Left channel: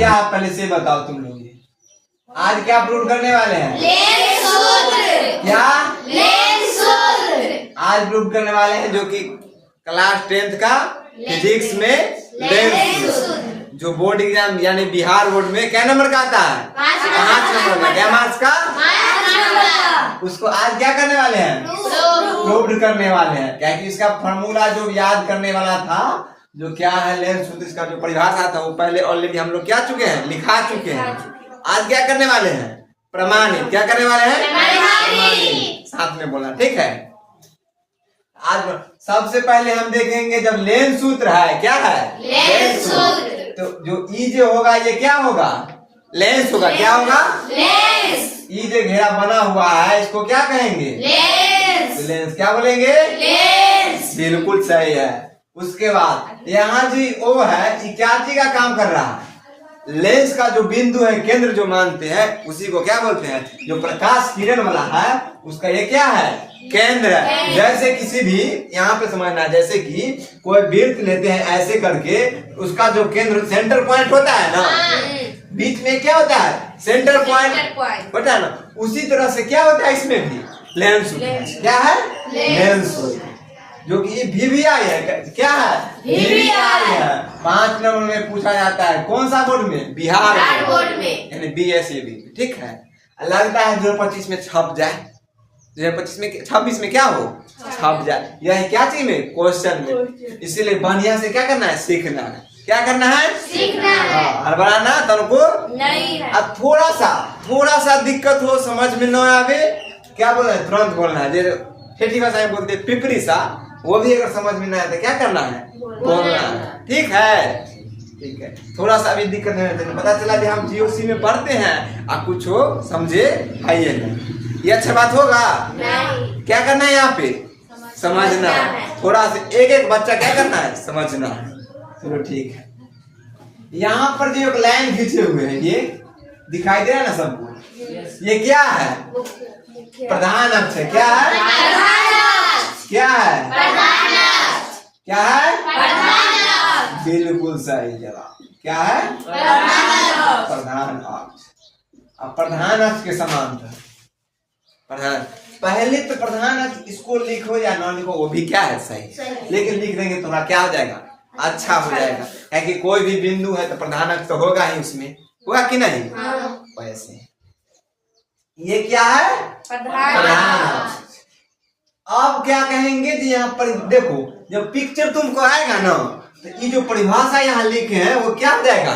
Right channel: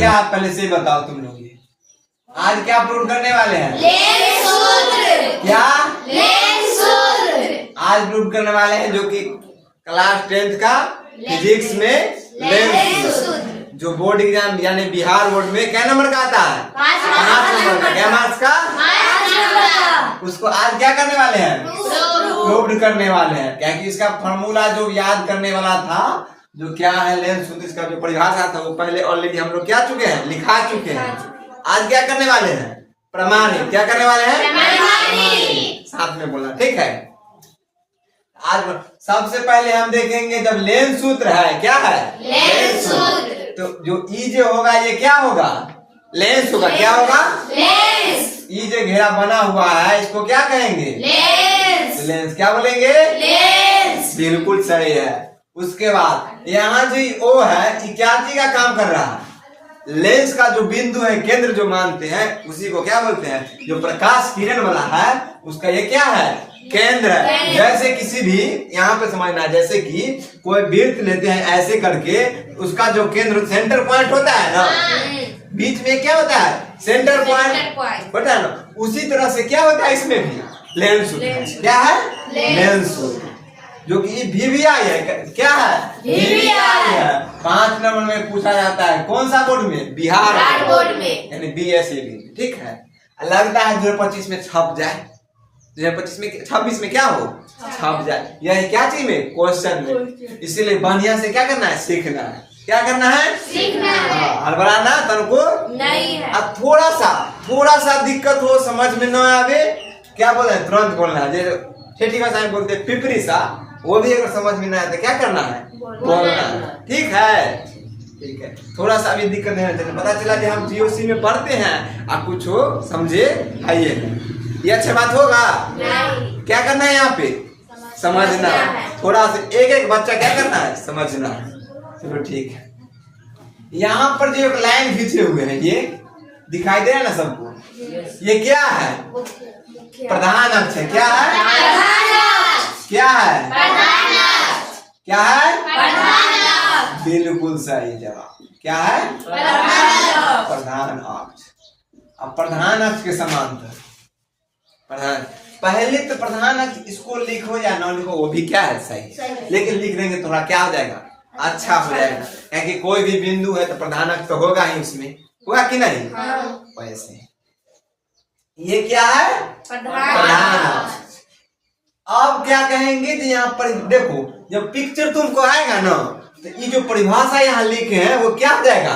क्या है पहले से बताओ तुम लोग। ये आज क्या प्रूव करने वाले हैं? लेंस सूत्र। क्या? लेंस सूत्र। आज प्रूव करने वाले हैं जो कि क्लास 10th का फिजिक्स में लेंस सूत्र, जो बोर्ड एग्जाम यानी बिहार बोर्ड में क्या नंबर का आता है? 5 नंबर का। क्या मार्क्स का? 5 नंबर। उसको आज क्या करने वाले हैं? प्रूव करने वाले हैं। क्या कि इसका फॉर्मूला जो याद करने वाला था, जो क्या है लेंस सूत्र, इसका जो परिभाषा था वो पहले ऑलरेडी हम लोग क्या चुके हैं, लिखा चुके हैं। आज क्या करने वाले हैं? प्रमाणित। क्या करने वाले हैं? प्रमाणित। साथ में बोलना, ठीक है। आज सबसे पहले हम देखेंगे जब लेंस सूत्र है, क्या है? लेंस सूत्र। तो जो ई जो होगा ये क्या होगा? लेंस होगा। क्या होगा? लेंस। ई जो घेरा बना हुआ है इसको क्या कहेंगे? लेंस। लेंस। क्या बोलेंगे? लेंस। बिल्कुल सही है। उसके बाद यहाँ जी ओ है, ये क्या चीज का काम कर रहा है? लेंस का जो बिंदु है, केंद्र जो मानते हैं, उसी को क्या बोलते हैं? जो प्रकाश किरण वाला है उसका ये क्या है? केंद्र है। जैसे किसी भी यहाँ पे समझना, जैसे कि कोई वृत्त लेते हैं ऐसे करके, उसका जो केंद्र सेंटर पॉइंट होता है ना, बीच में क्या होता है? सेंटर पॉइंट होता है ना। उसी तरह से क्या होता है इसमें भी? लेंस होता है। क्या है? लेंस होता है। जो कि VVI है। क्या है? VVI है। 5 नंबर में पूछा जाता है। कौन सा बोर्ड में? बिहार बोर्ड में, यानी BSAB। ठीक है। लगता है 2025 में छप जाए, 2025 में 26 में क्या हो? छप जाए। यही क्या चीज में? क्वेश्चन में। इसीलिए बढ़िया से क्या करना है? सीखना है। क्या करना है? सीखना है। हड़बड़ाना तुमको नहीं है। अब थोड़ा सा दिक्कत हो, समझ में न आवे, क्या बोल रहे हैं? तुरंत बोलना है। जैसे ठेठी भाषा में बोलते पिपरी सा, वो भी अगर समझ में ना आए तो क्या करना है? बोलना है। ठीक है। ठीक है। थोड़ा सा भी दिक्कत नहीं रहता। पता चला कि हम GOC में पढ़ते हैं और कुछ हो समझे है ये नहीं, ये अच्छा बात होगा? नहीं। क्या करना है यहाँ पे? समझना है। थोड़ा सा एक एक बच्चा क्या करना है? समझना है। चलो ठीक है। यहाँ पर जो एक लाइन खींचे हुए हैं, ये दिखाई दे रहा है ना सबको? ये क्या है? प्रधान अक्ष है। क्या है? क्या है? क्या है? बिल्कुल सही जवाब। क्या है? प्रधान अक्ष। अब प्रधान अक्ष के समांतर प्रधान, पहले तो प्रधान अक्ष इसको लिखो या ना लिखो वो भी क्या है? सही। लेकिन लिख देंगे थोड़ा क्या हो जाएगा? अच्छा हो जाएगा। क्या कि कोई भी बिंदु है तो प्रधान अक्ष तो होगा ही उसमें, होगा कि नहीं? वैसे ये क्या है? प्रधान अक्ष। अब क्या कहेंगे कि यहाँ पर देखो, जब पिक्चर तुमको आएगा ना तो ये जो परिभाषा यहाँ लिखे हैं वो क्या हो जाएगा?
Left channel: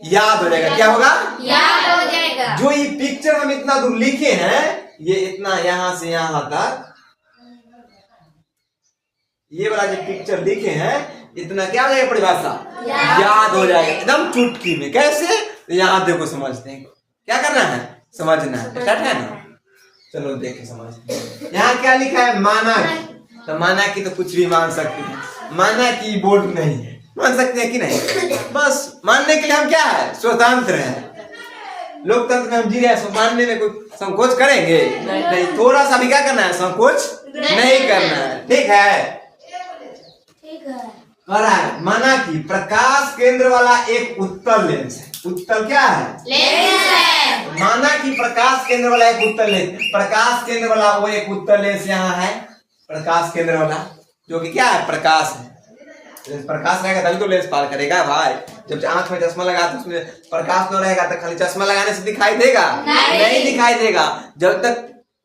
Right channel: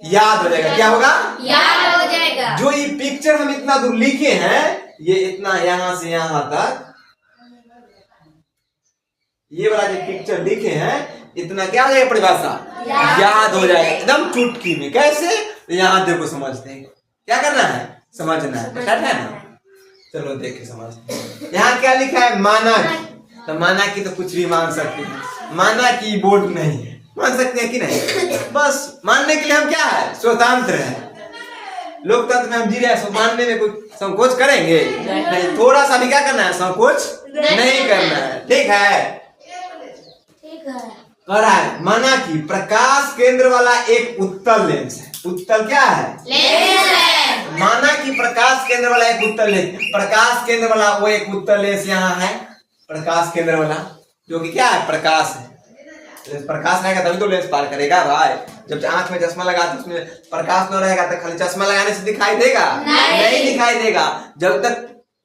याद हो जाएगा। क्या होगा? याद हो जाएगा। जो ये पिक्चर हम इतना दूर लिखे हैं, ये इतना यहाँ से यहाँ तक, ये वाला जो पिक्चर लिखे हैं इतना क्या हो जाएगा? परिभाषा याद हो जाएगा एकदम चुटकी में। कैसे? यहाँ देखो समझते हैं। क्या करना है? समझना है। क्या है ना? चलो देखे समझते हैं। यहाँ क्या लिखा है? माना की। तो माना की तो कुछ भी मान सकते हैं। माना की बोर्ड नहीं है, मान सकते हैं कि नहीं? बस मानने के लिए हम क्या है? स्वतंत्र है। लोकतंत्र में हम जी रहे हैं, मानने में कोई संकोच करेंगे नहीं। थोड़ा सा भी क्या करना है? संकोच नहीं करना है। ठीक है। कह रहा है माना कि प्रकाश केंद्र वाला एक उत्तल लेंस है। उत्तल क्या है? लेंस है। माना कि प्रकाश केंद्र वाला एक उत्तल लेंस, प्रकाश केंद्र वाला वो एक उत्तल लेंस यहाँ है। प्रकाश केंद्र वाला जो कि क्या है? प्रकाश है। प्रकाश रहेगा तभी तो लेंस पार करेगा भाई। जब आंख में चश्मा लगा तो उसमें प्रकाश न रहेगा तो खाली चश्मा लगाने से दिखाई देगा? नहीं दिखाई देगा। जब तक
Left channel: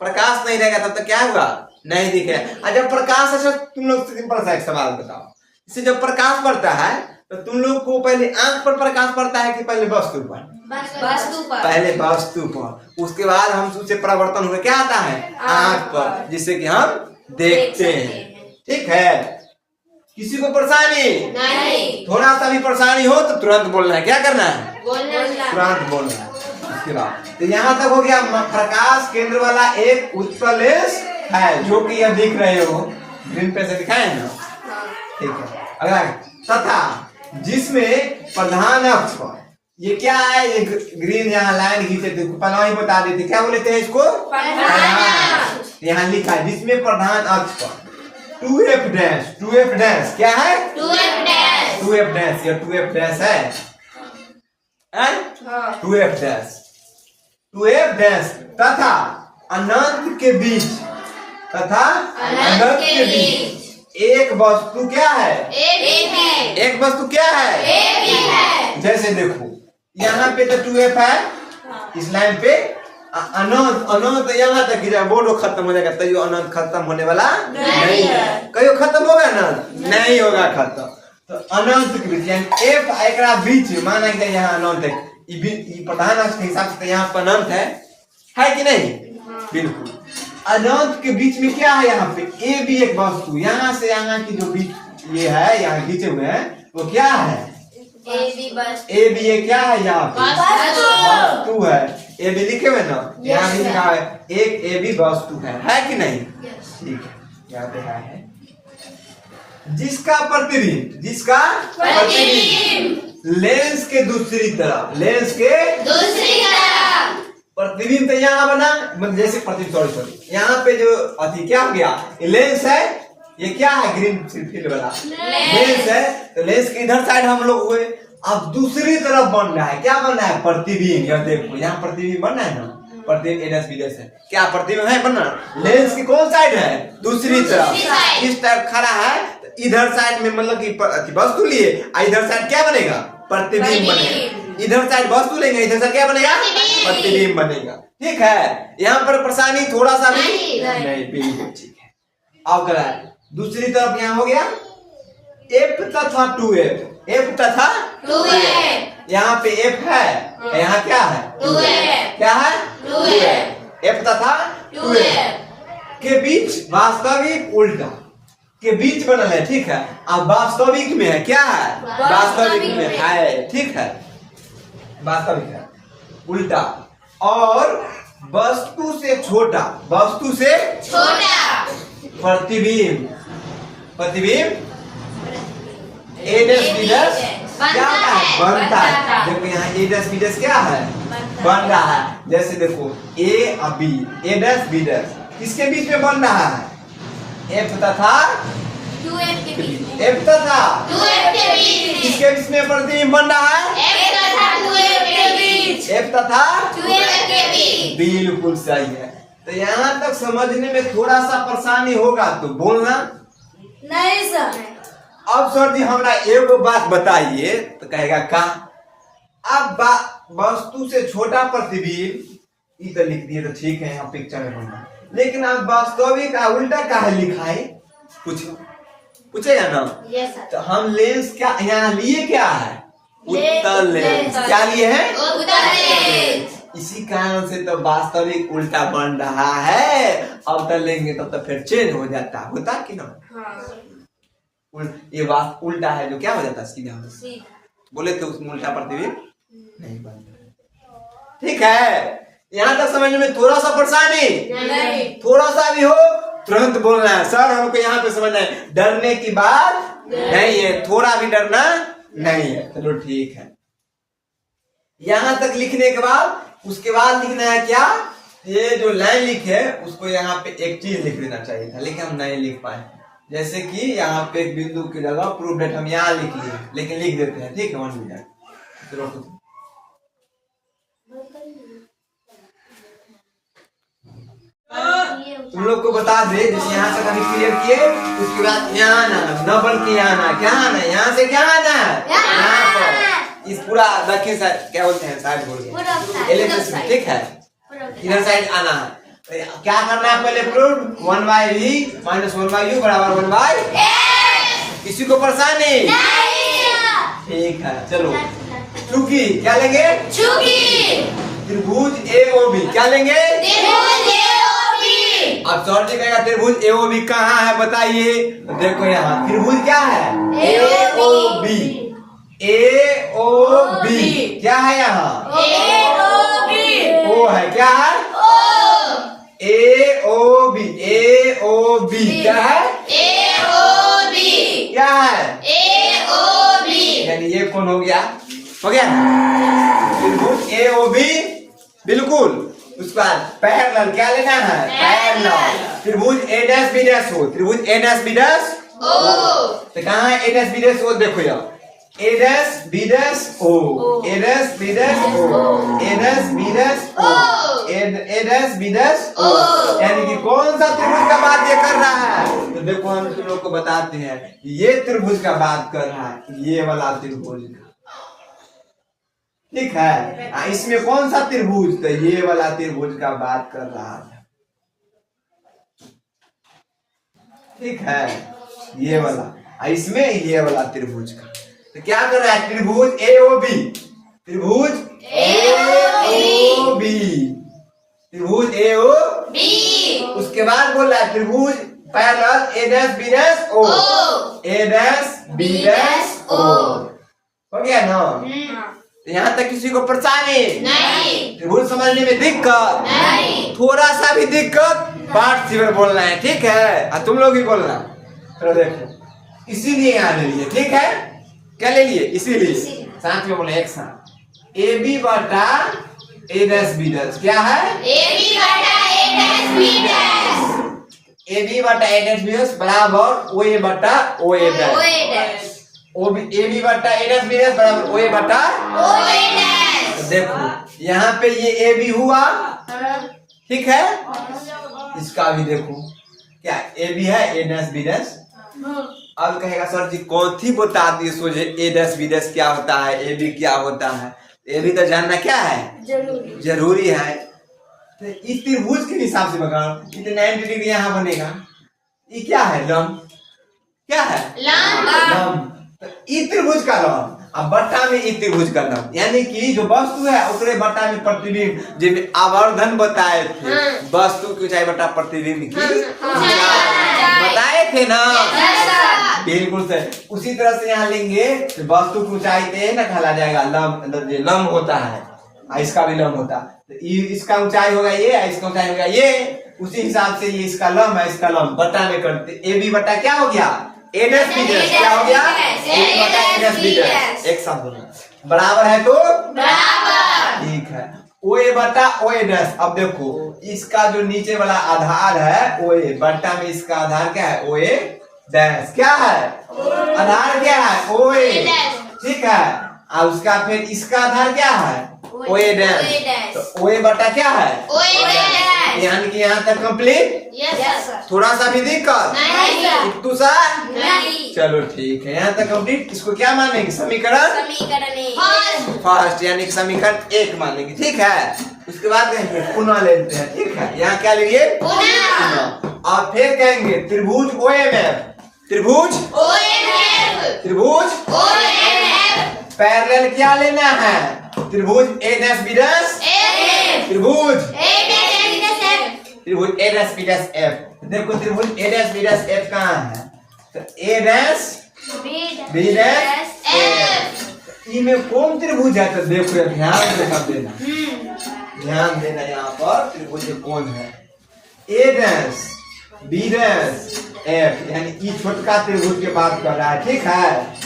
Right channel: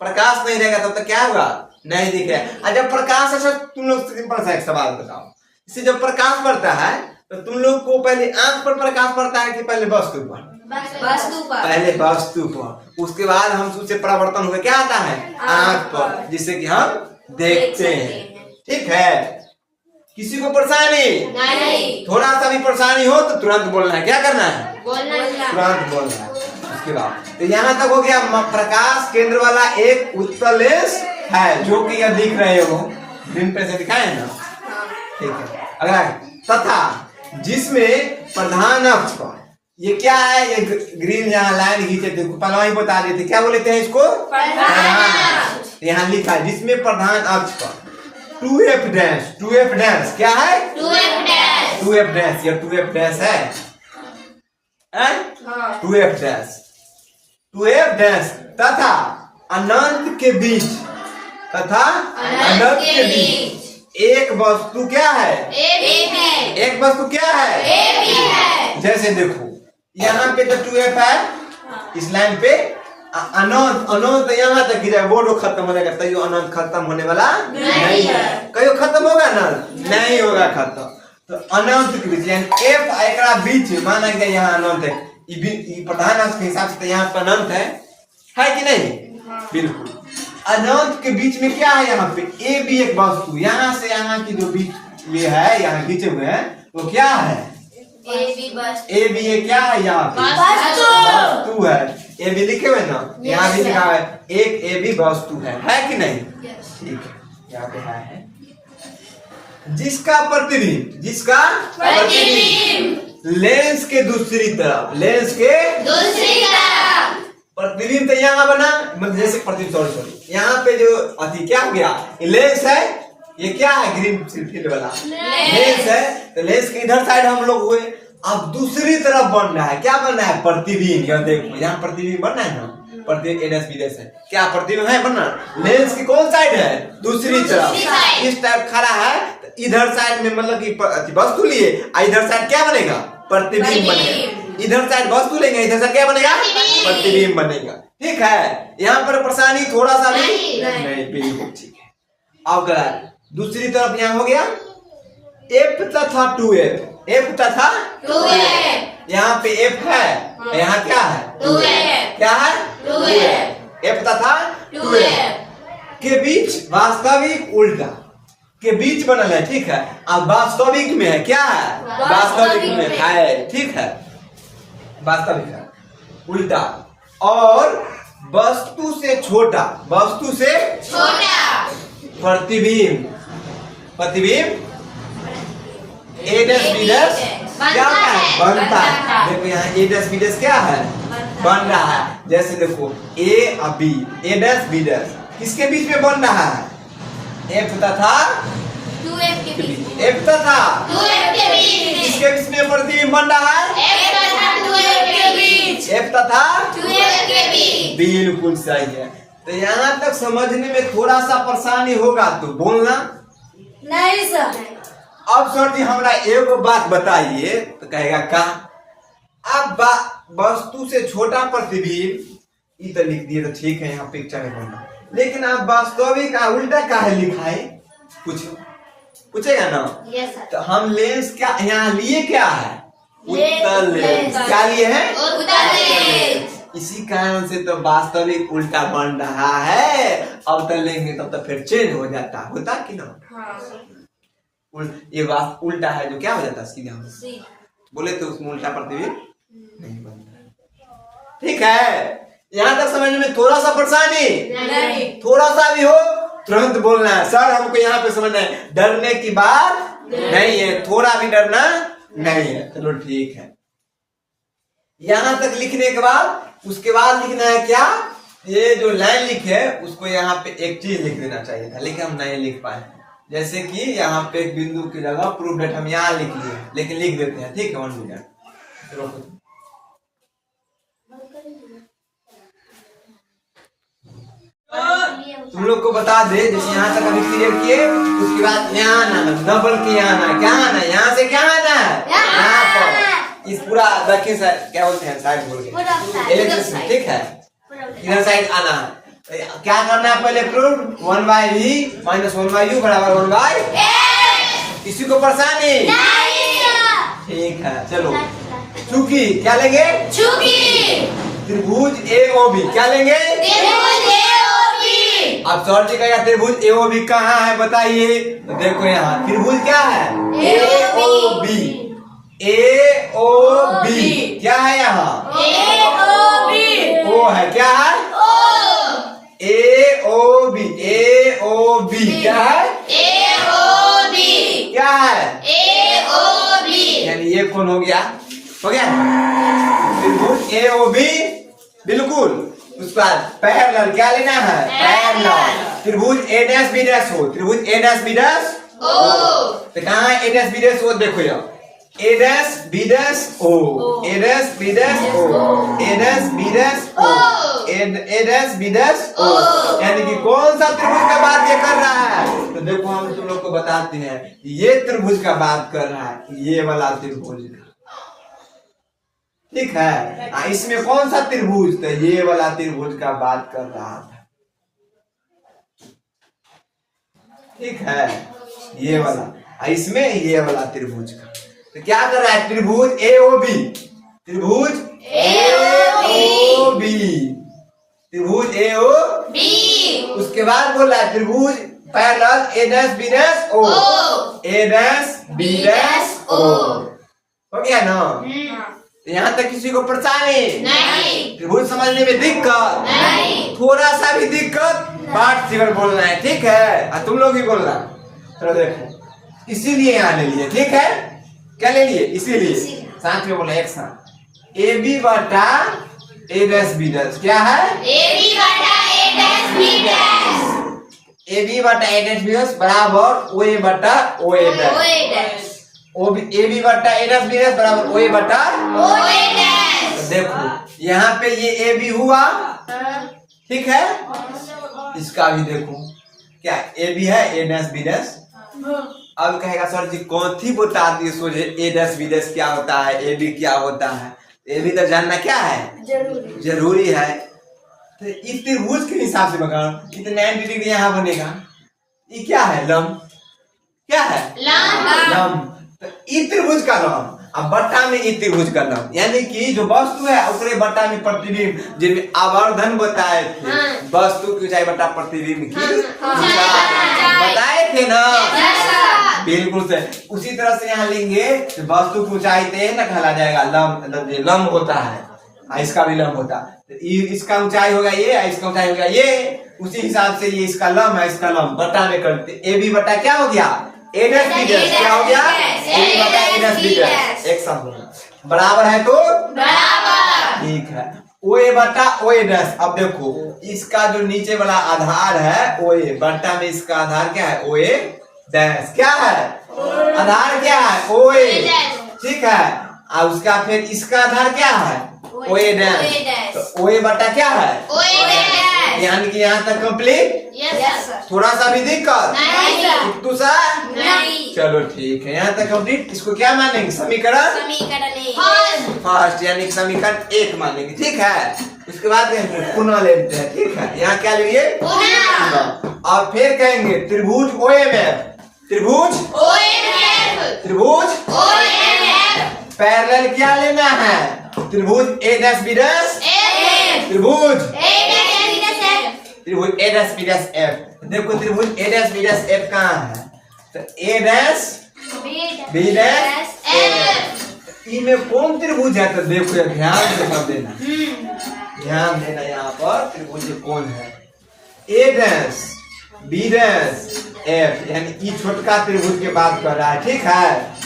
प्रकाश नहीं रहेगा तब तक क्या होगा? नहीं दिखेगा। और जब प्रकाश, अच्छा तुम लोग सिंपल सा एक सवाल बताओ, इससे जब प्रकाश पड़ता है तो तुम लोग को पहले आंख पर प्रकाश पड़ता है कि पहले वस्तु पर? पहले वस्तु पर, उसके बाद हम उससे परिवर्तन हुए क्या आता है? आंख पर, जिससे कि हम देखते हैं। ठीक है। किसी को परेशानी नहीं। थोड़ा सा भी परेशानी हो तो तुरंत बोलना है। क्या करना है? बोलना तुरंत बोलना है। उसके बाद तो यहाँ तक हो गया। प्रकाश केंद्र वाला एक उत्तल लेंस है जो कि यह दिख रहे हो, ग्रीन पे से दिखाए ना? ठीक है। अगला, तथा जिसमें प्रधान अक्ष पर ये क्या है? ये ग्रीन यहाँ लाइन खींचे थे, पहले ही बता देते। क्या बोलते हैं इसको? प्रधान। यहाँ लिखा है जिसमें प्रधान अक्ष पर 2f डैश, 2f डैश क्या है? 2f dash. 2f डैश, या 2f डैश है। हाँ। 2f डैश 2f डैश तथा अनंत के बीच तथा अनंत के बीच एक वस्तु क्या है? एक है। एक वस्तु क्या है? एक ही है। जैसे देखो यहाँ पे तो 2f है, इस लाइन पे अनंत अनंत यहाँ तक गिरा, बोलो खत्म हो जाएगा, कहीं अनंत खत्म होने वाला नहीं है। कहीं खत्म होगा अनंत नहीं होगा खत्म। तो अनंत के बीच यानी f एकरा बीच माना गया यहाँ अनंत है, ये प्रधान के हिसाब से तो यहाँ पर अनंत है कि नहीं? बिल्कुल। अनंत के बीच में क्या है? यहाँ पे ए भी एक वस्तु, यहाँ से यहाँ की जो बीच ये है यहाँ खींचे हुए हैं वो क्या है? ए भी ये क्या है? यहाँ पे वस्तु है। ए भी लिखे हुए ना, यहाँ भी लिखा है एक ए भी वस्तु है कि नहीं? ठीक है, यहाँ पे है जिसका प्रतिबिंब लेंस के दूसरी तरफ प्रतिबिंब तो यहाँ बना, मतलब जैसे प्रतिबिंब सॉरी यहाँ पे जो अति क्या हो गया? लेंस है, ये क्या है? ग्रीन फील्ड वाला लेंस है। तो लेंस के इधर साइड हम लोग हुए, अब दूसरी तरफ बन रहा है, क्या बन रहा है? प्रतिबिंब। यहाँ देखो यहाँ प्रतिबिंब बन रहा है ना, प्रतिबिंब एडस बीडस है, क्या प्रतिबिंब है बन रहा? लेंस की कौन साइड है? दूसरी तरफ। इस टाइप खड़ा है, तो इधर साइड में मतलब कि वस्तु लिए, इधर साइड क्या बनेगा? प्रतिबिंब बनेगा। इधर साइड वस्तु लेंगे, इधर साइड क्या बनेगा? प्रतिबिंब बनेगा। ठीक है, यहाँ पर परेशानी थोड़ा सा भी नहीं, बिल्कुल ठीक है। अब करा दूसरी तरफ यहाँ हो गया f तथा 2f, f तथा 2f। यहाँ पे f है, यहाँ क्या है? 2f। क्या है? 2f। f तथा 2f के बीच वास्तविक उल्टा के बीच बनल है। ठीक है, अब वास्तविक में है, क्या है? वास्तविक में है। ठीक है, वास्तविक है उल्टा और वस्तु से छोटा प्रतिबिंब ए डैश बी डैश क्या है? बनता है। देखो यहाँ ए डैश बी डैश क्या है? बन रहा है। जैसे देखो ए और बी, ए डैश बी डैश किसके बीच में बन रहा है? f तथा 2f के बीच। f तथा 2f के बीच। किसके बीच में प्रतिबिंब बन रहा है? f तथा 2f के बीच। f तथा 2f के बीच। बिल्कुल सही है। तो यहाँ तक समझने में थोड़ा सा परेशानी होगा तो बोलना नहीं सर। अब सर जी हमरा एक बात बताइए, तो कहेगा का? अब वस्तु से छोटा प्रतिबिंब ये तो लिख दिए तो ठीक है, यहाँ पिक्चर में बोलना, लेकिन अब वास्तविक का उल्टा काहे लिखा है? पूछेगा ना? Yes sir. तो हम लेंस क्या यहाँ लिए क्या है? उत्तल लेंस। क्या लिए है? उत्तल लेंस। इसी कारण से तो वास्तविक उल्टा बन रहा है। अब तो लेंगे तब तो फिर चेंज हो जाता, होता कि ना? ये बात उल्टा है जो क्या हो जाता है? सीधा बोले तो उसमें उल्टा प्रतिबिंब नहीं बनता। ठीक है, यहाँ तक समझने में थोड़ा सा परेशानी नहीं, थोड़ा सा भी हो तुरंत बोलना है सर हमको यहाँ पे समझना है, डरने की बात नहीं है, थोड़ा भी डरना नहीं है। चलो ठीक है, यहाँ तक लिखने के बाद उसके बाद लिखना है क्या? ये जो लाइन लिखे उसको यहाँ पे एक चीज लिख देना चाहिए था, लेकिन हम नहीं लिख पाए। जैसे कि यहाँ पे एक बिंदु की जगह प्रूफ डेट हम यहाँ लिख लिए, लेकिन लिख देते हैं। ठीक है, 1 मिनट चलो तुम लोग को बता दे, जैसे यहाँ तक अभी क्लियर किए, उसके बाद यहाँ आना, डबल के यहाँ आना, क्या आना है? यहाँ से क्या आना है? यहाँ पर इस पूरा दक्षिण साइड क्या बोलते हैं, साइड बोल के, ठीक है, इधर साइड आना है। क्या करना है पहले? प्रूफ 1/v - 1/u बराबर 1/a। किसी को परेशानी ठीक है, चलो चूंकि क्या लेंगे? त्रिभुज AOB क्या लेंगे? अब सर जी कहेगा त्रिभुज AOB कहाँ है बताइए? तो देखो यहाँ त्रिभुज क्या है? AOB क्या है यहाँ? O है, क्या है? AOB क्या है? क्या है? यानी ये कौन हो गया? हो गया त्रिभुज AOB बिल्कुल। उसके बाद पैरेलल क्या लेना है? पैरेलल त्रिभुज A'(B') हो, त्रिभुज A'(B') तो कहाँ है A'(B') हो? देखो यहाँ ए dash B dash O, A dash B dash O, A dash B dash O, A dash B dash ओ। यानी कि कौन सा त्रिभुज का बात ये कर रहा है? तो देखो हम तुम लोग को बताते हैं, ये त्रिभुज का बात कर रहा है, ये वाला त्रिभुज का, ठीक है। इसमें कौन सा त्रिभुज? तो ये वाला त्रिभुज का बात कर रहा है, ठीक है, ये वाला। इसमें ये वाला त्रिभुज का तो क्या कर रहा है? त्रिभुज ए ओ बी, त्रिभुज ए ओ बी, त्रिभुज ए ओ बी। उसके बाद बोल रहा है त्रिभुज parallel A dash B dash O, A dash B dash O. हो गया ना? तो यहाँ तक किसी को परेशानी नहीं, त्रिभुज समझने में दिक्कत नहीं, थोड़ा सा भी दिक्कत पार्ट सिवर बोलना है, ठीक है। तुम लोग भी बोलना। चलो देखो, इसीलिए यहाँ ले लिए, ठीक है। क्या ले लिए? इसीलिए साथ में बोले एक साथ, ए बी बटा ए डैश बी डैश। क्या है? ए बी बटा A dash B dash, A B बटा ए डैश बी डैश बराबर ओ ए बटा ओ ए डैश, ए बी बटा ए डैश बी डैश बराबर ओ ए बटा ओ ए डैश। तो देखो यहाँ पे ये ए बी हुआ, ठीक है। इसका भी देखो, क्या ए बी है, ए डैश बी डैश। अब कहेगा सर जी कौन थी बता दी सोचे, ए डैश बी डैश क्या होता है, ए बी क्या होता है। ए बी तो जानना क्या है? जरूरी है। तो इस त्रिभुज के हिसाब से बगाओ, इतने 90 डिग्री यहाँ बनेगा। ये क्या है? लंब। क्या है? लंब। तो इस त्रिभुज का लंब, अब बट्टा में इस त्रिभुज का लंब, यानी कि जो वस्तु है उसके बट्टा में प्रतिबिंब, जिसमें आवर्धन बताए थे, वस्तु की ऊंचाई बट्टा प्रतिबिंब की बताए थे ना, बिल्कुल से। उसी तरह से यहाँ लेंगे तो वस्तु की ऊंचाई तो ना कहला जाएगा लंब, मतलब ये लंब होता है, इसका भी लंब होता है। तो इसका ऊंचाई होगा ये, इसका ऊंचाई होगा ये, उसी हिसाब से ये इसका लंब है, इसका लंब बट्टा में करते। ए बी बट्टा क्या हो गया? ए डैश बी डैश। क्या हो गया? ए बी बटा ए डैश बी डैश। एक साथ बोलना, बराबर है तो बराबर, ठीक है। ओ ए बटा ओ ए डैश। अब देखो इसका जो नीचे वाला आधार है ओ ए, बट्टा में इसका आधार क्या है? ओ ए डैश। क्या है? आधार क्या है? ओ ए, ठीक है। और उसका फिर इसका आधार क्या है? ओ ए डैश। तो ओ ए बटा क्या है? ओ ए डैश। यानी कि यहाँ तक कंप्लीट। Yes sir. थोड़ा सा भी दिक्कत नहीं सर। इतू सा नहीं। चलो ठीक है, यहाँ तक कंप्लीट। इसको क्या मानेंगे? समीकरण फर्स्ट, यानी कि समीकरण 1 मानेंगे, ठीक है। उसके बाद कहेंगे पुनः लेते हैं, ठीक है। यहाँ क्या लेंगे? पुनः। और फिर कहेंगे त्रिभुज ओ एम एफ, त्रिभुज ओ एम एफ, त्रिभुज ओ एम एफ, पैरेलल क्या लेना है? त्रिभुज ए डैश बी डैश एफ, त्रिभुज ए डैश बी डैश एफ, त्रिभुज ए डैश बी डैश एफ। देखो त्रिभुज ए डैश बी डैश एफ कहाँ है? तो ए डैश बी डैश एफ। इनमें कौन त्रिभुज है? तो देखो यार ध्यान से सब देना, ध्यान देना। यहाँ पर त्रिभुज कौन है? ए डैश बी डैश एफ, यानी ई छोटका त्रिभुज के बात कर रहा है, ठीक है।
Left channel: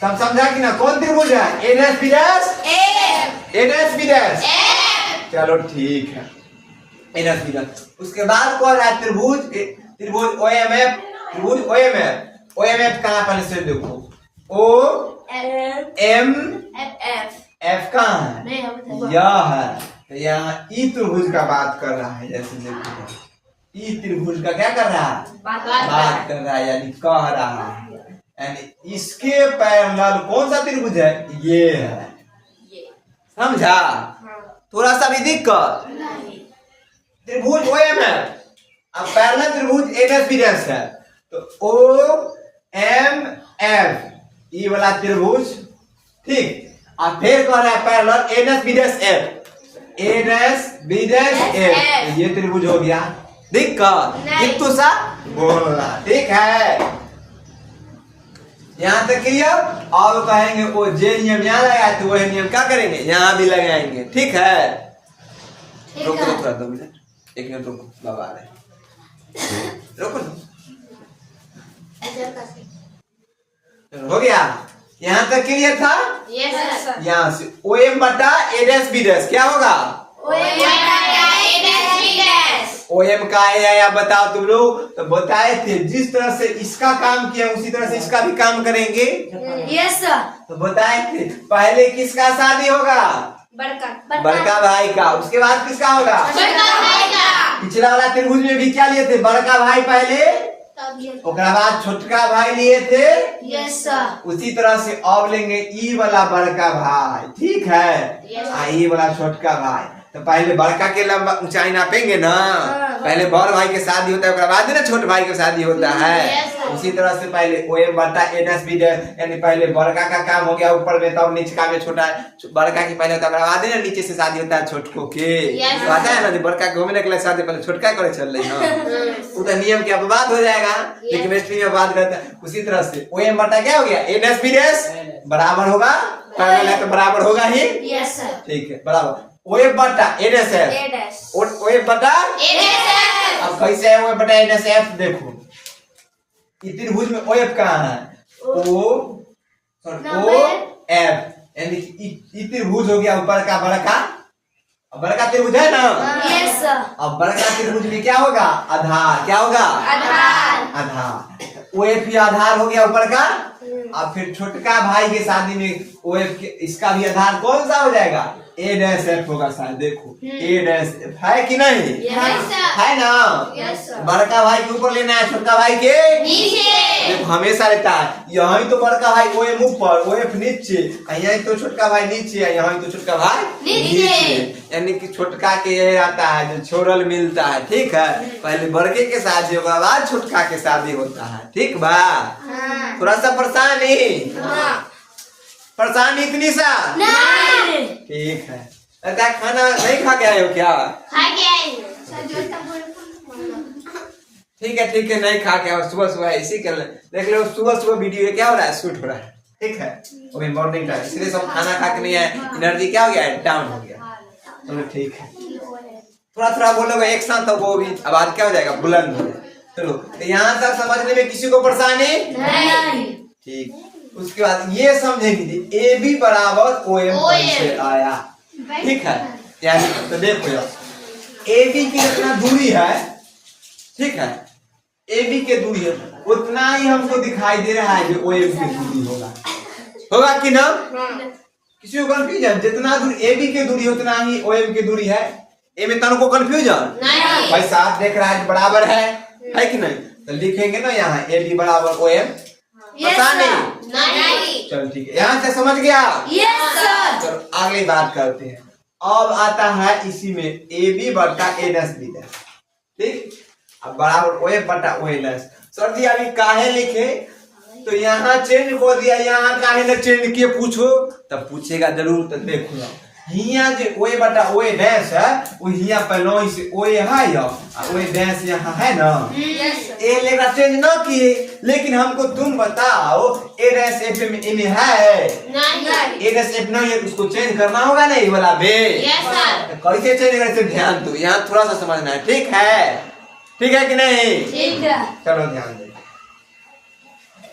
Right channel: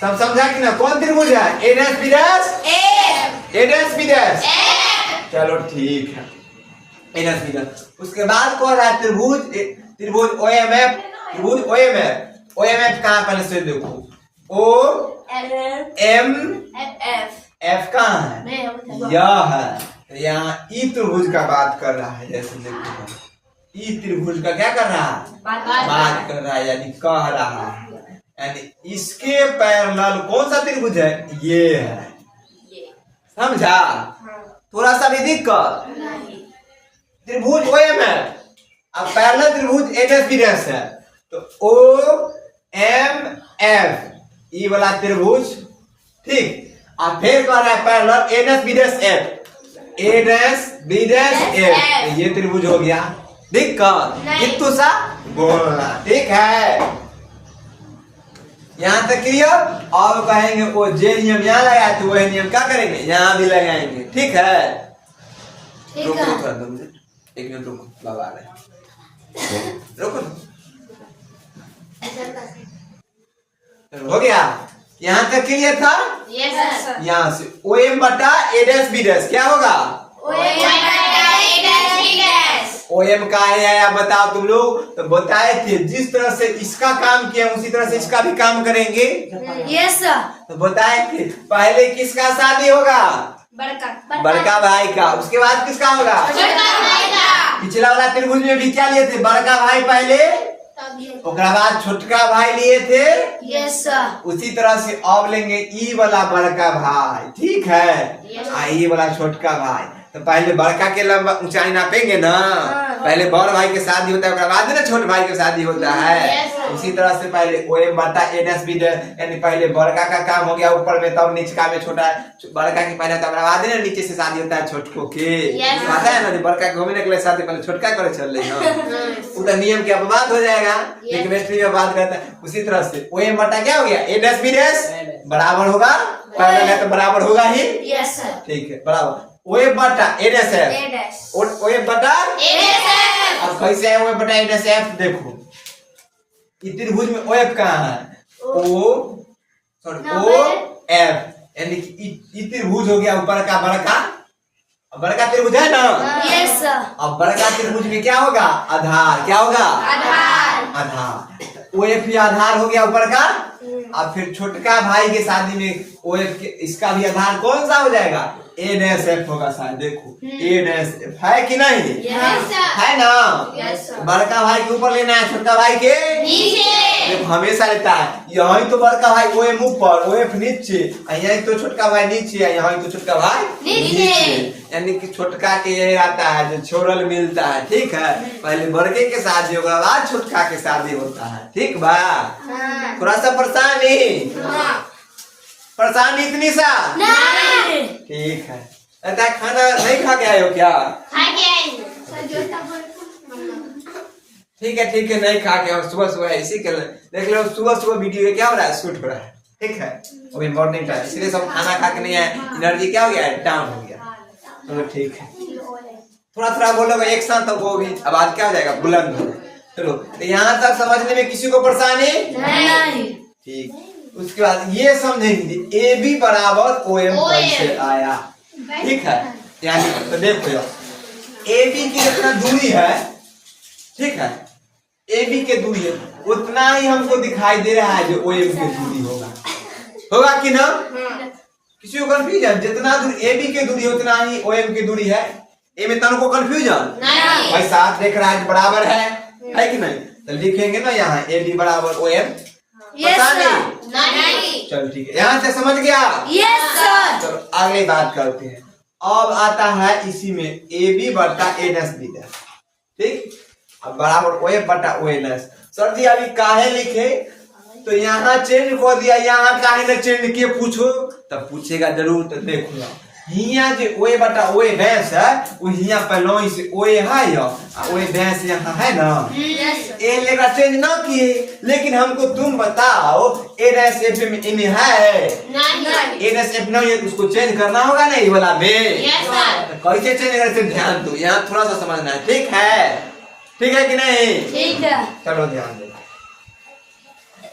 सब समझा कि ना? कौन त्रिभुज है? ए dash B dash F, A dash B dash F. चलो ठीक है, ए डैश बी डैश। उसके बाद कौन है? त्रिभुज त्रिभुज ओ एम एफ, त्रिभुज O M F. O M F कहाँ? पहले से देखो, ओ एम एफ, एफ कहाँ है? यह है। तो यहाँ ई त्रिभुज का बात कर रहा है, जैसे देखो ई त्रिभुज का क्या कर रहा है? बात कर रहा है, यानी कह रहा है। यानी इसके पैरेलल कौन सा त्रिभुज है? ये है। समझा? थोड़ा सा भी दिक्कत? त्रिभुज ओ एम एफ, अब पैरेलल त्रिभुज ए डैश बी डैश है, तो ओ एम एफ ई वाला त्रिभुज, ठीक। और फिर कह रहा है parallel A dash B dash F, A dash B dash F. ये त्रिभुज हो गया। दिक्कत इतू सा बोलना, ठीक है। यहाँ तक क्लियर। और कहेंगे वो जे नियम यहाँ लगाया तो वही नियम क्या करेंगे? यहाँ भी लगाएंगे, ठीक है। रुको थोड़ा 2 मिनट, 1 मिनट रुको, बाबा आ रहे, रुको। हो गया? यहाँ तक क्लियर था? Yes sir. यहाँ से ओ एम बटा ए डैश बी डैश क्या होगा? ओ एम बटा A dash B dash. OM का आया बताओ तुम लोग। तो बताए थे जिस तरह से इसका काम किया उसी तरह से इसका भी काम करेंगे। Yes sir. तो बताए थे पहले किसका शादी होगा? बड़का भाई का। उसके बाद किसका होगा? पिछला वाला त्रिभुज में भी क्या लिए थे? बड़का भाई पहले, ओकरा बाद छोटका भाई लिए थे। Yes sir. उसी तरह से अब लेंगे ई वाला बड़का भाई, ठीक है। ई वाला छोटका भाई। तो पहले बड़का के लंबा ऊंचाई नापेंगे ना। पहले बड़ भाई के शादी होता है, उसके बाद ना छोटे भाई के शादी होता है। उसी तरह से पहले OM बटा NS भी यानी पहले बड़का का काम हो गया ऊपर में, तब नीचे में छोटा बड़का के पहले तब बाद ना नीचे से शादी होता है छोटको के। पता है ना बड़का घूमने के लिए शादी पहले छोटका करे चल रही है। वो तो नियम की अपवाद हो जाएगा, लेकिन केमिस्ट्री में बात करता है। उसी तरह से OM बटा क्या हो गया? NS भी बराबर होगा, पहले तो बराबर होगा ही। Yes sir. ठीक है, बराबर OM बटा NSF। OM बटा NSF। अब कैसे है OM बटा NSF? देखो त्रिभुज में OF कहाँ है? OF यानी कि त्रिभुज हो गया ऊपर का बड़का। अब बड़का त्रिभुज है ना। Yes sir. अब बड़का त्रिभुज में क्या होगा? आधार। क्या होगा? आधार। OF भी आधार हो गया ऊपर का। अब फिर छोटका भाई के शादी में OF के इसका भी आधार कौन सा हो जाएगा? A-F होगा शायद। देखो A-F है कि नहीं? है ना। बड़का भाई के ऊपर लेना है, छोटका भाई के नीचे। देखो हमेशा रहता है यहाँ तो बड़का भाई OM ऊपर, OF नीचे, यहाँ तो छोटका भाई नीचे, यहाँ तो छोटका भाई नीचे। यानी कि छोटका के आता है जो छोरल मिलता है, ठीक है। पहले बड़के के शादी होगा, बाद छोटका के शादी होता है, ठीक बा। थोड़ा सा परेशानी इतनी सा नहीं। ठीक है। अरे खाना नहीं खा के आए हो क्या? ठीक है नहीं खा के आओ। सुबह सुबह इसी के देख लो, सुबह वीडियो क्या हो रहा है? शूट हो रहा है, ठीक है। अभी मॉर्निंग टाइम, इसलिए सब खाना खा के नहीं है, एनर्जी क्या हो गया? डाउन हो गया। चलो ठीक है, थोड़ा बोलोगे एक साथ तो वो भी आवाज क्या हो जाएगा? बुलंद हो जाएगा। चलो तो यहाँ तक समझने में किसी को परेशानी नहीं? ठीक। उसके बाद ये समझेंगे AB बराबर OM कैसे आया, ठीक है। यानी तो देखो AB की जितना दूरी है, ठीक है, AB की दूरी है उतना ही हमको दिखाई दे रहा है जो OM की दूरी होगा कि ना? किसी को कंफ्यूजन? जितना दूरी AB की दूरी उतना ही OM की दूरी है। ए में तन को कंफ्यूजन भाई? साथ देख रहा है बराबर है कि नहीं? तो लिखेंगे ना यहाँ AB बराबर OM। नहीं। चल ठीक है, यहाँ से समझ गया? Yes sir. चलो आगे बात करते हैं। अब आता है इसी में AB बटा NS भी है, ठीक। अब बराबर OF बटा ONS। सर जी अभी काहे लिखे? तो यहाँ चेंज कर दिया, यहाँ काहे ने चेंज किए पूछो? तब पूछेगा जरूर। तो देखो हिया जो OA बटा OA डैश है वो हिया पहले से OA है या OA डैश यहाँ है ना। ए लेगा चेंज ना किए, लेकिन हमको तुम बताओ A डैश F में है नहीं? A डैश F नहीं है, उसको चेंज करना होगा ना ये वाला बे। कैसे चेंज करते ध्यान दो, यहाँ थोड़ा सा समझना है, ठीक है कि नहीं? ठीक है। चलो ध्यान दो,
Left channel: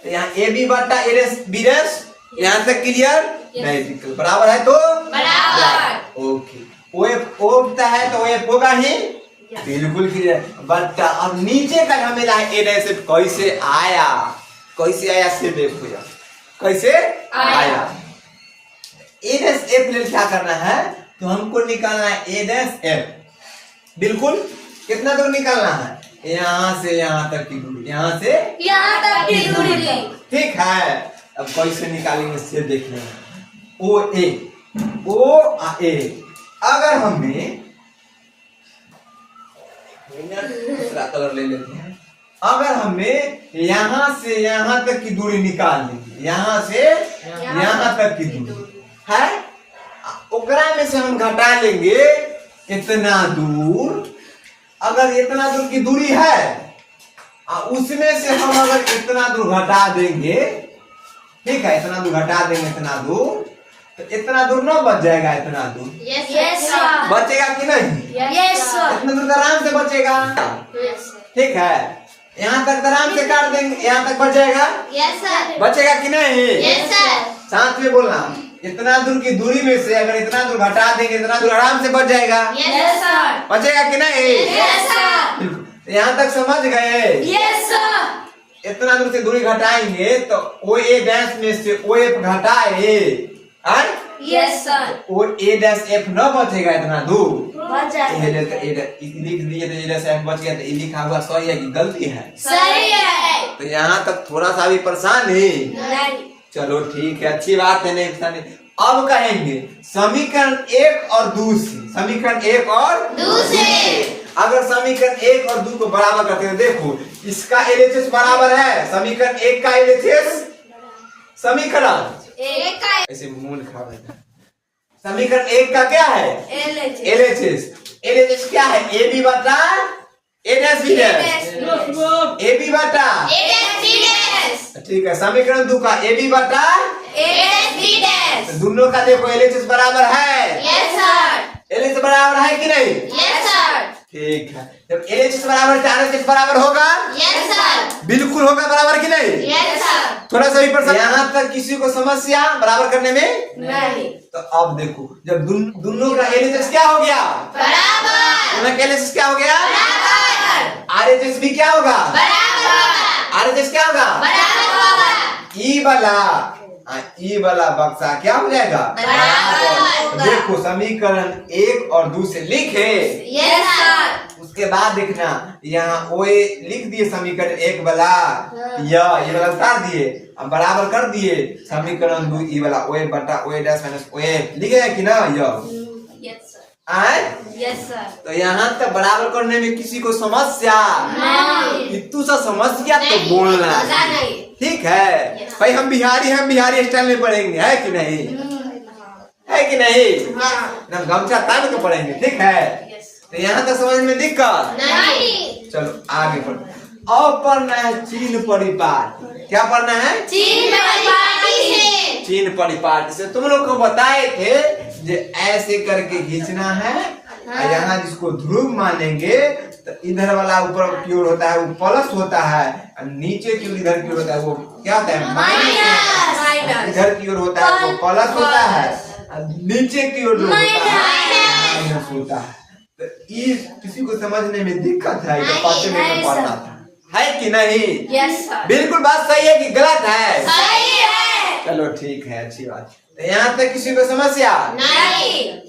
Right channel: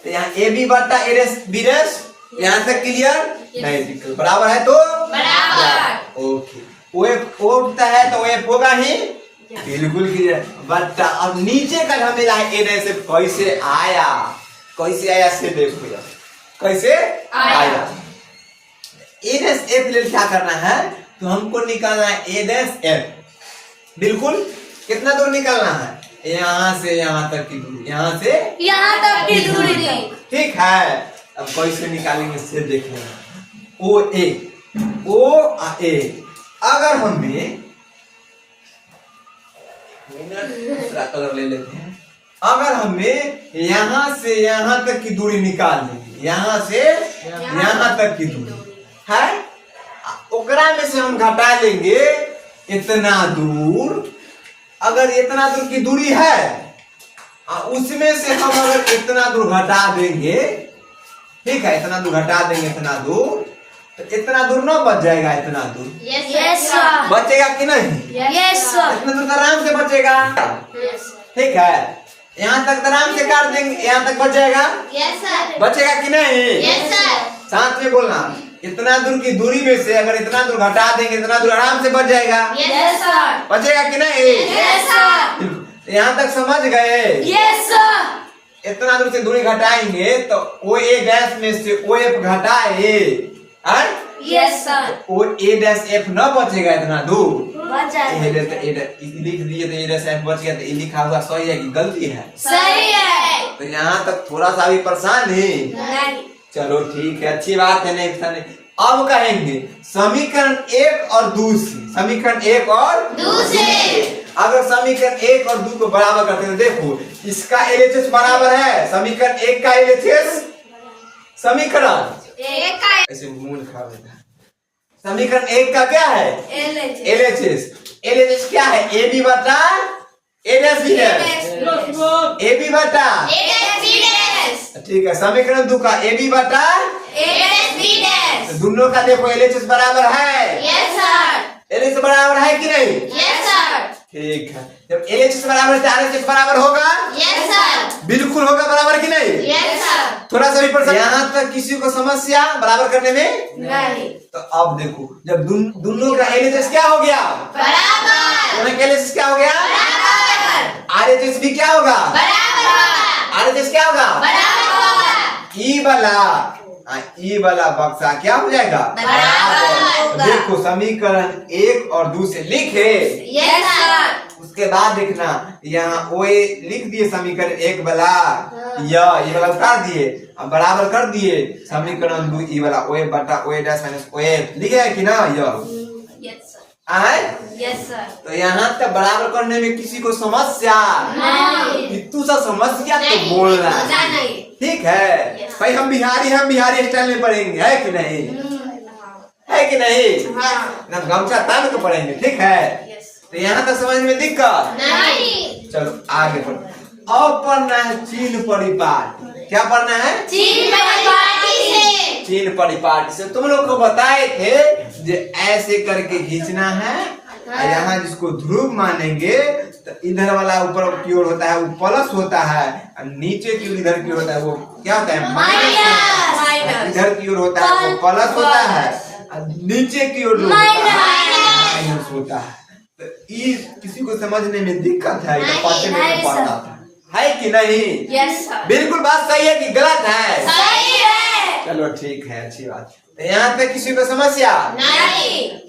तो यहाँ AB बटा A डैश B डैश यहाँ तक क्लियर? नहीं, बराबर है तो बराबर। ओके, OF है तो OF होगा ही, बिल्कुल क्लियर। बटा अब नीचे का हमें A डैश F कैसे आया से देखो यार, कैसे आया। A डैश F ले क्या करना है? तो हमको निकालना है A डैश F। बिल्कुल कितना दूर निकालना है? यहाँ से यहाँ तक की दूरी, यहाँ से यहाँ तक की दूरी, ठीक है। अब कैसे निकालेंगे से देख लेना। OA अगर हमें दूसरा कलर ले लेते हैं, अगर हमें यहाँ से यहाँ तक की दूरी निकाल लेंगे, यहाँ से यहाँ तक की दूरी है, ओकरा में से हम घटा लेंगे इतना दूर। अगर इतना दूर की दूरी है उसमें से हम अगर इतना दूर घटा देंगे, ठीक है, इतना दूर घटा देंगे, इतना दूर, तो इतना दूर ना बच जाएगा, इतना दूर बचेगा कि नहीं? इतना दूर आराम से बचेगा, ठीक है। यहाँ तक आराम से काट देंगे, यहाँ तक बच जाएगा, बचेगा कि नहीं? साथ में बोलना, इतना दूर की दूरी में से अगर इतना दूर घटा देंगे इतना दूर आराम से बच जाएगा। Yes, sir. बचेगा कि नहीं? Yes, sir. यहाँ तक समझ गए? Yes, sir. इतना दूर से दूरी घटाएंगे तो ओ ए डैश में से ओ एफ घटाए और Yes, sir. O A dash F न बचेगा इतना दूर। बच जाएगा। लिख दीजिए तो ए डैश एफ बच गया तो ये लिखा हुआ सही है कि गलती है? सही है। तो यहाँ तक थोड़ा सा भी परेशान है? नहीं। चलो ठीक है, अच्छी बात है। नेक्स्ट अब कहेंगे समीकरण एक और दूसरी, समीकरण एक और दूसरे। अगर समीकरण एक और दो को बराबर करते हैं देखो इसका एलएचएस बराबर है समीकरण एक का एलएचएस। समीकरण एक का ऐसे मूड खराब रहता है। समीकरण एक का क्या है? LHS। एलएचएस। एलएचएस क्या है? ए बी बटा A dash B dash. A B बटा ठीक है। समीकरण दो का ए बी बटा दोनों का देखो एलएचएस बराबर है। एलएचएस बराबर है कि नहीं? ठीक है। जब एलएचएस बराबर है तो आरएचएस बराबर होगा? बिल्कुल होगा। बराबर कि नहीं? थोड़ा सा भी परेशान यहाँ तक किसी को समस्या बराबर करने में? नहीं। तो अब देखो जब दोनों का एलएचएस क्या हो गया? दोनों का एलएचएस क्या हो गया? आरएचएस भी क्या होगा? आरएचएस क्या होगा? ई वाला बक्सा क्या हो जाएगा? देखो समीकरण एक और दो से लिखे उसके बाद देखना यहाँ ओए लिख दिए समीकरण एक वाला ये वाला उतार दिए अब बराबर कर दिए समीकरण दो ई वाला ओए बटा ओए डैश माइनस ओए लिखे है कि ना? तो यहाँ तक बराबर करने में किसी को समस्या? इतू सा समस्या तो बोलना ठीक है भाई। हम बिहारी स्टाइल में पढ़ेंगे है कि नहीं? है कि नहीं? ना गमछा तान के पढ़ेंगे ठीक है। तो यहाँ तक समझ में दिक्कत? चलो आगे पढ़। और पढ़ना है चिन्ह परिपाटी। क्या पढ़ना है? चिन्ह परिपाटी से तुम लोग को बताए थे जो ऐसे करके खींचना है और यहाँ जिसको ध्रुव मानेंगे तो इधर वाला ऊपर की ओर होता है वो प्लस होता है और नीचे की ओर इधर की ओर होता है वो क्या होता है? माइनस। इधर की ओर होता है वो प्लस होता है और नीचे की ओर जो होता है माइनस होता है। तो ये किसी को समझने में दिक्कत है तो पाठ्य में पढ़ता था है कि नहीं? बिल्कुल बात सही है कि गलत है? चलो ठीक है, अच्छी बात। तो यहाँ पे किसी को समस्या?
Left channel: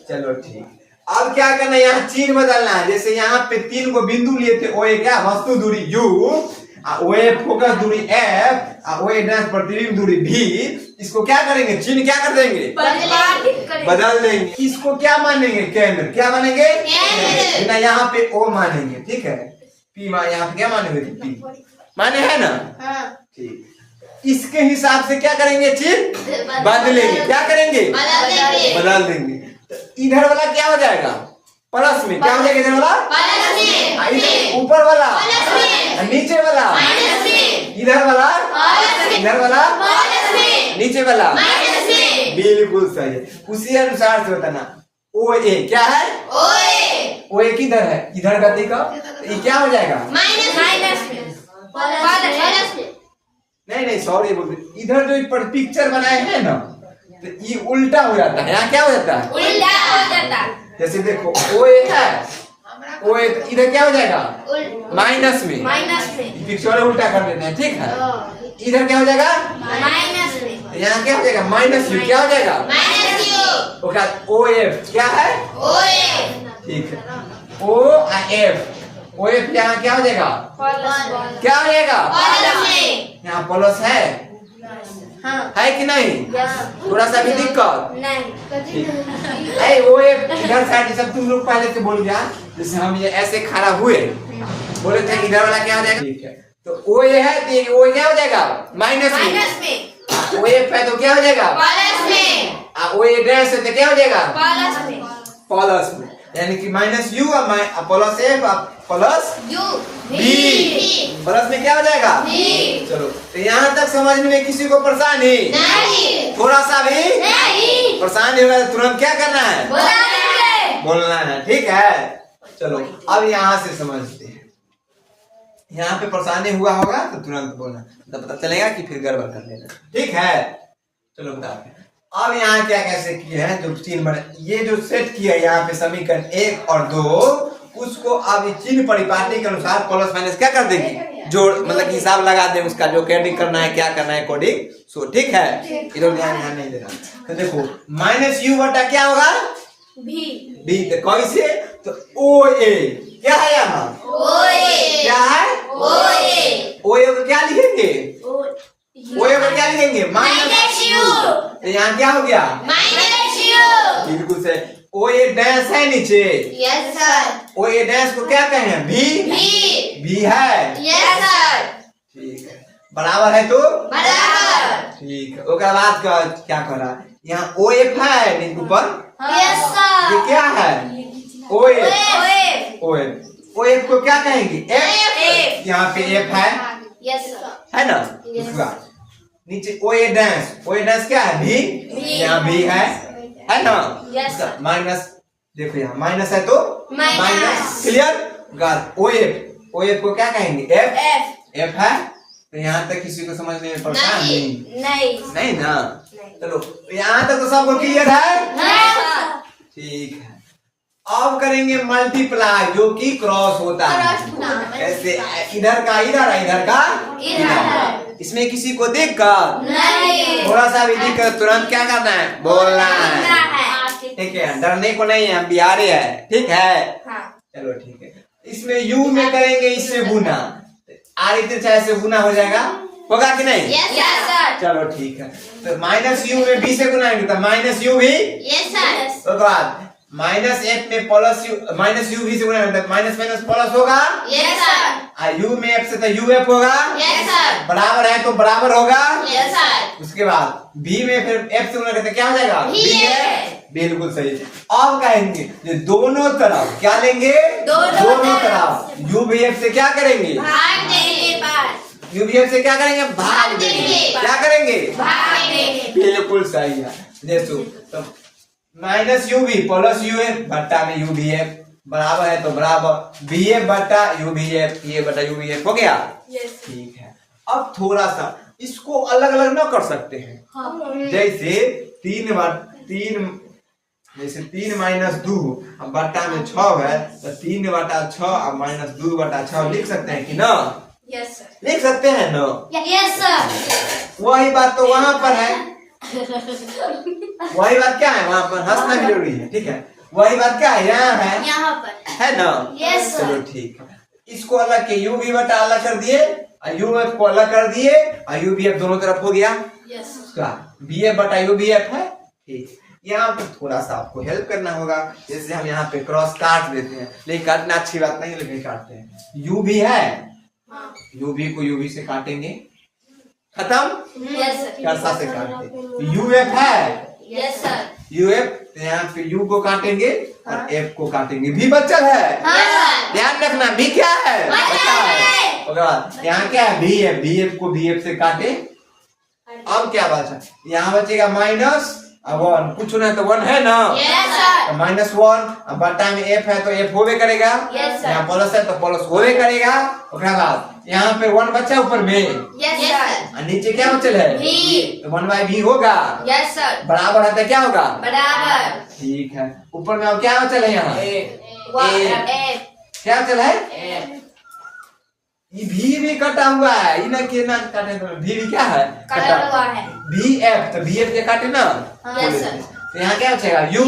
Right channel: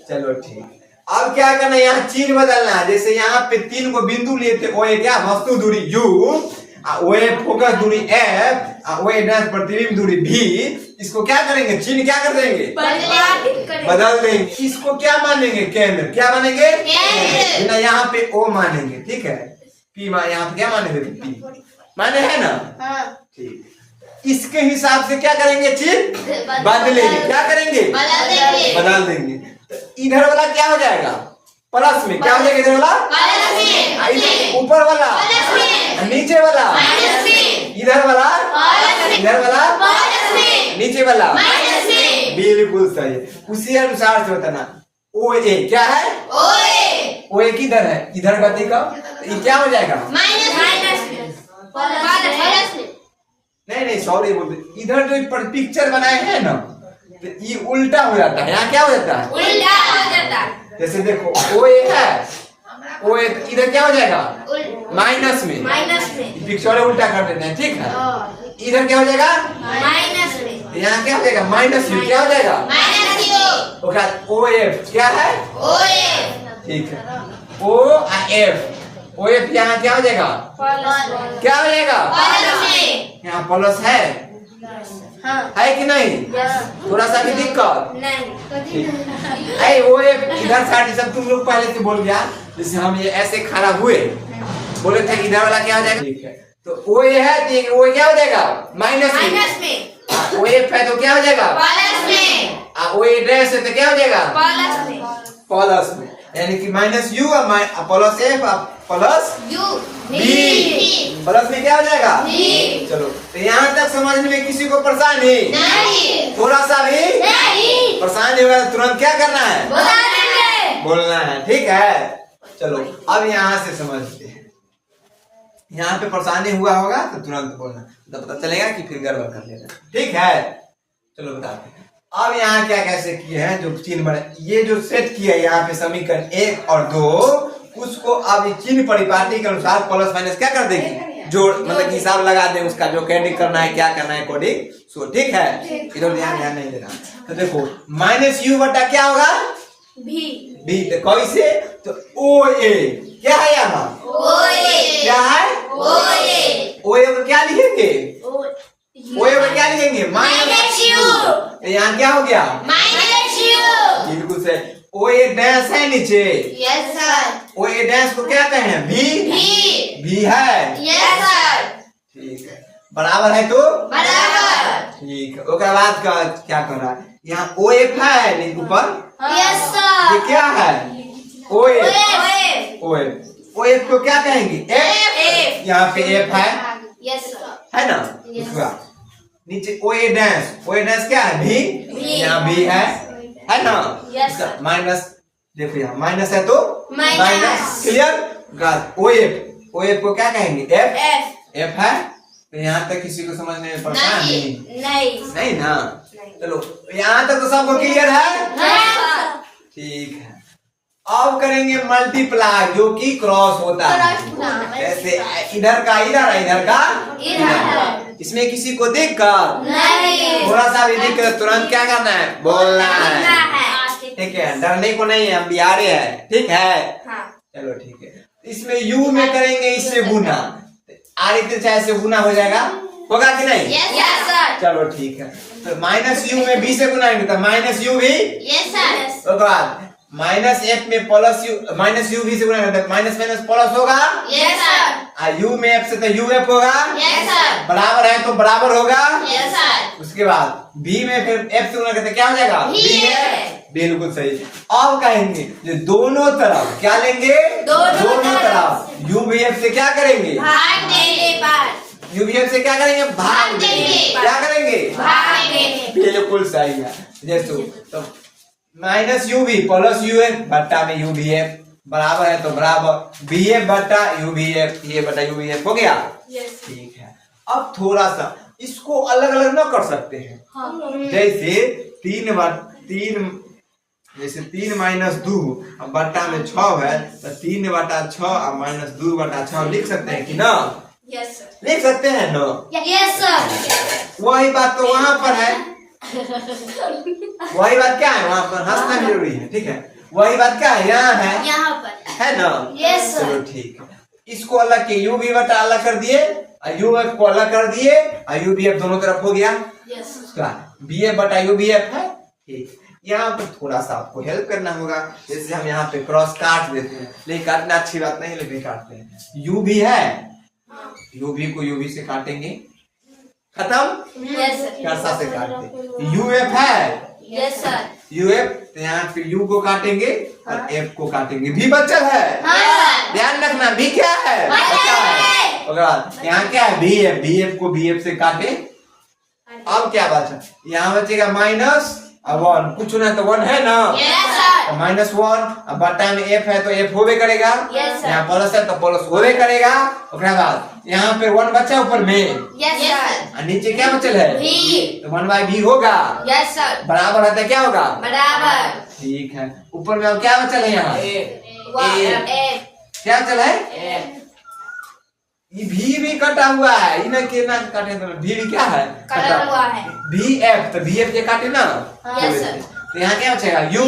चलो ठीक। अब क्या करना है? यहाँ चिन्ह बदलना है। जैसे यहाँ पे 3 को बिंदु लिए थे ओए क्या वस्तु दूरी u, ओए फोकस दूरी f, ओए डैश प्रतिबिंब दूरी v। इसको क्या करेंगे? चिन्ह क्या कर देंगे? बदल देंगे। इसको क्या मानेंगे? केंद्र। क्या मानेंगे? केंद्र। यहाँ पे o मानेंगे ठीक है। p यहाँ पे क्या मानेंगे? p माने है ना? ठीक। इसके हिसाब से क्या करेंगे? चिन्ह बदलेंगे। क्या करेंगे? बदल देंगे। तो इधर वाला क्या हो जाएगा? प्लस में। क्या हो जाएगा इधर वाला? ऊपर वाला नीचे वाला इधर वाला इधर वाला नीचे वाला बिल्कुल सही है। उसी अनुसार से होता ना ओ ए क्या है? ओ ए किधर है? इधर का देखो ये क्या हो जाएगा? नहीं सॉरी बोलते इधर जो पिक्चर बनाए हैं ना तो ये उल्टा हो जाता है। यहाँ क्या हो जाता है? उल्टा हो जाता है। जैसे देखो ओ ए है ओ ए इधर क्या हो जाएगा? माइनस में पिक्चर उल्टा कर देते हैं ठीक है। इधर क्या हो जाएगा? यहाँ क्या हो जाएगा? Minus you. क्या हो जाएगा? ओ एफ क्या है? ठीक है ओ एफ ओ एफ यहाँ क्या हो जाएगा? क्या हो जाएगा? यहाँ प्लस है है कि नहीं? थोड़ा सा भी दिक्कत नहीं। वो इधर साइड सब तुम लोग पहले से बोल गया। जैसे हम ये ऐसे खड़ा हुए बोले थे इधर वाला क्या हो जाएगा? ठीक है। तो वो ये है कि वो क्या हो जाएगा? माइनस में। वो एफ है तो क्या हो जाएगा? प्लस में। वो एड्रेस है तो क्या हो जाएगा? प्लस में। यानी कि minus U plus F plus U B. Plus में क्या हो जाएगा? चलो तो यहाँ तक समझने में किसी को परेशानी नहीं? थोड़ा सा भी नहीं परेशानी होगा तुरंत क्या करना है? बोलना है ठीक है। चलो अब यहाँ से समझते हैं। यहाँ पे परेशानी हुआ होगा तो तुरंत बोलना तो पता चलेगा कि फिर गड़बड़ कर लेना ठीक है। चलो बताते हैं। अब यहाँ क्या कैसे किए हैं जो चिन्ह बने, ये जो सेट किया है यहाँ पे समीकरण 1 और 2, उसको अब चिन्ह परिपाटी के अनुसार प्लस माइनस क्या कर देंगे, जोड़ मतलब हिसाब लगा दें उसका, जो कोडिंग करना है क्या करना है कोडिंग सो, ठीक है। इधर ध्यान नहीं देना। तो देखो माइनस यू बटा क्या होगा, बी। तो कैसे, तो ओ ए क्या है यहाँ, क्या है, ओ ए को क्या लिखेंगे, ओ ए को क्या लिखेंगे, माइनस यू। तो यहाँ क्या हो गया, बिल्कुल से। ओ ए डैश है नीचे, ओ ए डैश को क्या कहें, भी है, ठीक है। बराबर है तो ठीक है। उसके बाद क्या कर रहा है, यहाँ ओ एफ है नीचे ऊपर, ये क्या है, ओ एफ, ओ एफ को क्या कहेंगे, एफ। यहाँ पे एफ है ना, उसका नीचे ओ ए डैश क्या है, भी, यहाँ भी है ना। माइनस देखो यहाँ माइनस है तो माइनस, क्लियर। ओ एफ को क्या कहेंगे, एफ है। तो यहाँ तक किसी को समझने में परेशानी नहीं ना, चलो यहाँ तक तो सबको क्लियर है, ठीक है। अब करेंगे मल्टीप्लाई जो कि क्रॉस होता है, ऐसे इधर का इधर। इसमें किसी को देखकर थोड़ा सा भी दिक्कत तुरंत क्या करना है, बोलना है, ठीक है। डरने को नहीं है, हम बिहारी है, ठीक है, चलो ठीक है। इसमें यू में करेंगे इससे गुना, आगे चाहे से गुना हो जाएगा, होगा कि नहीं, चलो ठीक है। तो माइनस यू में बी से गुनाएंगे तो माइनस यू भी, उसके बाद माइनस एफ में प्लस यू, माइनस यू भी से गुना माइनस माइनस प्लस होगा, यू में एफ से तो यू एफ होगा, बराबर है तो बराबर होगा, उसके बाद बी में फिर एफ से गुना करते क्या हो जाएगा, बी एफ, बिल्कुल सही। अब कहेंगे जो दोनों तरफ क्या लेंगे, दोनों तरफ यू भी एफ से क्या करेंगे, यू भी एफ से क्या करेंगे, भाग देंगे, क्या करेंगे, बिल्कुल सही है। जैसे तो माइनस यू भी प्लस यू एफ बट्टा में यू भी एफ, बराबर है तो बराबर बी एफ बट्टा यू भी एफ, ये बट्टा यू भी एफ हो गया, ठीक है। अब थोड़ा सा इसको अलग अलग ना कर सकते हैं, जैसे तीन माइनस 2 अब बट्टा में 6 है तो 3 बटा 6 और माइनस 2 बटा 6 लिख सकते हैं कि ना, लिख सकते हैं ना, वही बात तो वहां पर है, वही बात क्या है, वहां पर हंसना जरूरी है, ठीक है। वही बात क्या है, यहाँ है ना, चलो ठीक है। इसको अलग के यू भी बटा अलग कर दिए, यू एफ को अलग कर दिए, और यू बी एफ दोनों तरफ हो गया, बी एफ बटा यू बी एफ है, ठीक। यहाँ पे थोड़ा सा आपको हेल्प करना होगा, जैसे हम यहाँ पे क्रॉस काट देते हैं, लेकिन काटना अच्छी बात नहीं है, लेकिन काटते हैं। यू भी है, यू भी को यू भी से काटेंगे, खत्म, कैसा से काटते, यू एफ है, यू एफ, यहाँ पे यू को काटेंगे और एफ को काटेंगे, भी बचल है, ध्यान रखना, भी क्या है, यहाँ क्या है, बी एफ, बी एफ को बी एफ से काटे। अब क्या बचा, यहाँ बचेगा माइनस 1, कुछ ना तो 1 है ना, माइनस 1 बट्टा में एफ है तो एफ होवे करेगा, यहाँ प्लस है तो प्लस होवे करेगा, उसके बाद यहाँ पे 1 बचा ऊपर में, और नीचे क्या बचल है, तो 1/b होगा, बराबर है तो क्या होगा, बराबर, ठीक है। ऊपर में अब क्या बचल है, यहाँ क्या बचल है, ये भी कटा हुआ है, ये ना के ना काटे तो भी क्या है, कटा हुआ है, बी एफ, तो बी एफ से काटे ना, तो यहाँ क्या बचेगा, यू,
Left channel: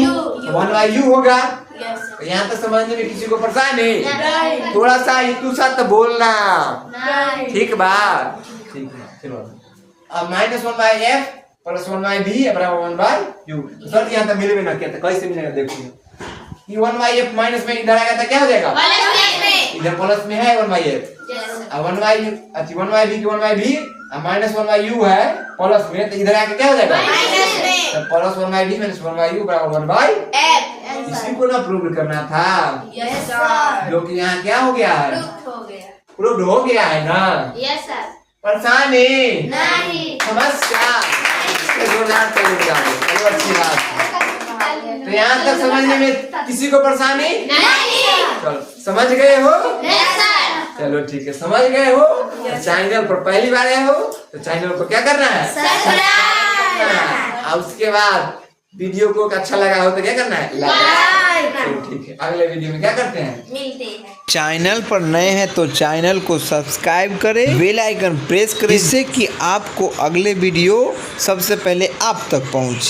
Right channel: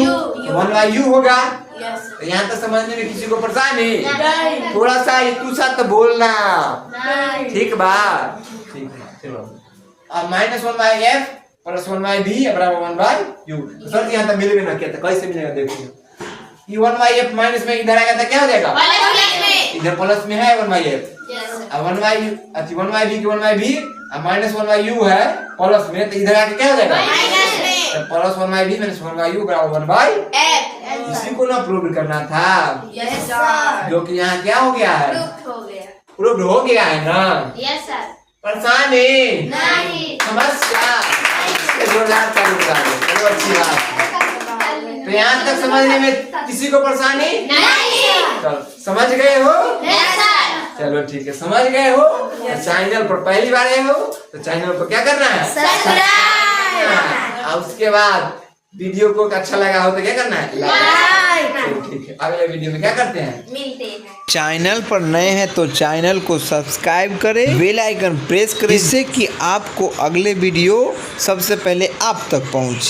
1/u होगा, तो यहाँ तक समझने में किसी को परेशानी नहीं, थोड़ा सा इतू सा तो बोलना, ठीक बात, ठीक है। चलो अब माइनस 1/f प्लस 1/b बराबर 1/u, सर यहाँ तक मिलेगा ना, क्या कैसे मिलेगा, देखो ये 1/f माइनस में इधर आएगा तो क्या हो जाएगा, इधर प्लस में है 1/f, अब 1/u, अच्छा 1/b की 1/b अब माइनस 1/u है प्लस में, तो इधर आके क्या हो जाएगा, तो प्लस 1/b माइनस 1/u बराबर 1/f, इसी को ना प्रूव करना था, जो कि यहाँ क्या हो गया है, प्रूव हो गया है ना, परेशानी नहीं, समस्या, चलो अच्छी बात। तो यहाँ तक समझने में किसी को परेशानी नहीं, समझ गए हो, चलो ठीक है, समझ गए हो। चैनल पर पहली बार आए हो तो चैनल को क्या करना है, सब्सक्राइब, और उसके बाद वीडियो को अच्छा लगा हो तो क्या करना है, लाइक। ठीक है, अगले वीडियो में क्या करते हैं, मिलते हैं। चैनल पर नए हैं तो चैनल को सब्सक्राइब करें, बेल आइकन प्रेस करें, जिससे कि आपको अगले वीडियो सबसे पहले आप तक पहुंचे।